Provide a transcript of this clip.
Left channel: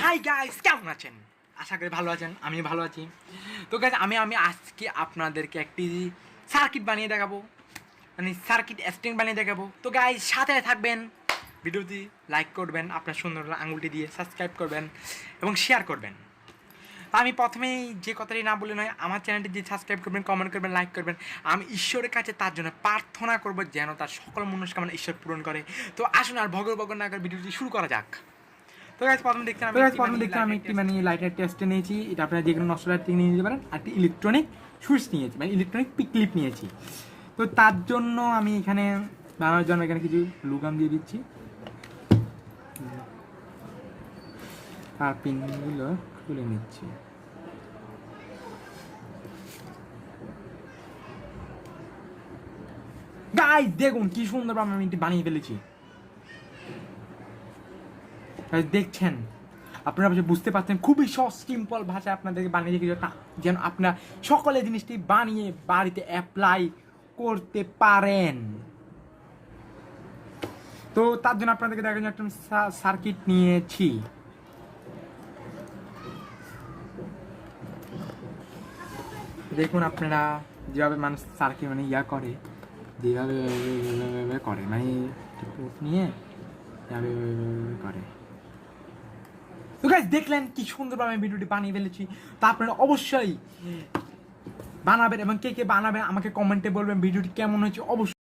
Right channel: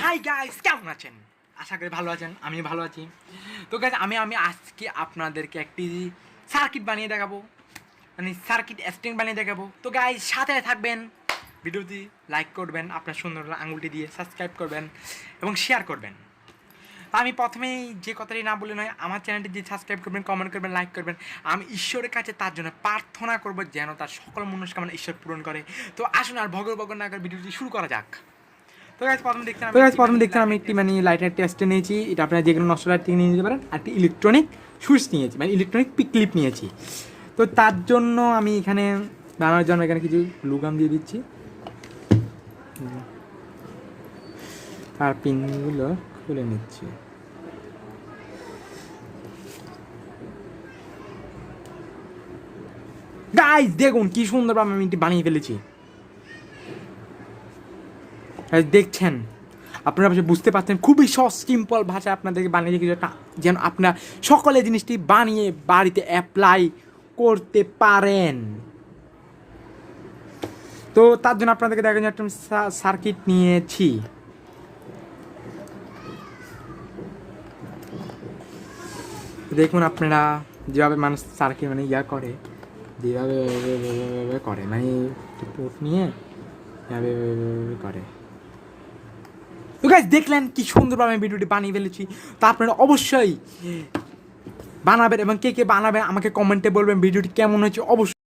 Hi guys, কেমন আছেন? আশা করি ভালো আছেন, আমি ভালো আছি। তো গাইস আমি আজকে আপনাদেরকে একটি সার্কিট বানিয়ে দেখাবো, মানে সার্কিট স্ট্রিং বানিয়ে দেখাবো। তো গাইস সাথে থাকবেন, ভিডিওটি লাইক করবেন, আপনার সুন্দর আঙুলটি দিয়ে সাবস্ক্রাইব করবেন এবং শেয়ার করবেন। আমি প্রথমেই যে কথাটি না বলে নয়, আমার চ্যানেলটি দিয়ে সাবস্ক্রাইব করবেন, কমেন্ট করবেন, লাইক করবেন। আমি ঈশ্বরের কাছে তার জন্য প্রার্থনা করব যেন তার সকল মনস্কামনা ঈশ্বর পূরণ করে। তো আসুন আর ভগর না করে ভিডিওটি শুরু করা যাক। তো গাইস প্রথম দেখছেন আমি একটি মানে লাইটার টেস্ট নিয়েছি। এটা আপনারা যে কোনো নষ্ট লাইট নিয়ে নিতে পারেন। আর একটি ইলেকট্রনিক সুইচ নিয়েছি, মানে ইলেকট্রনিক ক্লিপ নিয়েছি। তো তার জন্য আমি এখানে বানানোর জন্য এখানে কিছু গ্লুগাম দিয়ে দিচ্ছি আর পিনগুলো খুলে নিচ্ছি। গাইস দেখুন কি সুন্দর আমি এটি বানিয়ে ফেলেছি। দেখছেন, আপনারা বুঝতে পারছেন, খুবই সহজ সিম্পল ভাষায় আপনাদেরকে বানিয়ে রেখেছি যেন আপনারা সকলে জিনিসটি বানিয়ে বাড়িতে অ্যাপ্লাই করতে পারেন। তো তার জন্য আপনাদেরকে দেখেন একটা সার্কিট নিয়েছি। দেখুন আপনারা যেভাবে মানুষ সার্কিট মানে করে, যেভাবে করে, মানে পোর্ট নিয়ে করে। তো গাইস দেখলেন কি সুন্দরভাবে আমি ভিডিওটি বানিয়ে ফেলেছি। তো আপনারা অবশ্যই বানাবেন এবং কে কে বানাবেন আমাকে কমেন্টে বলবেন ভিডিওটি কেমন হয়েছে অবশ্যই।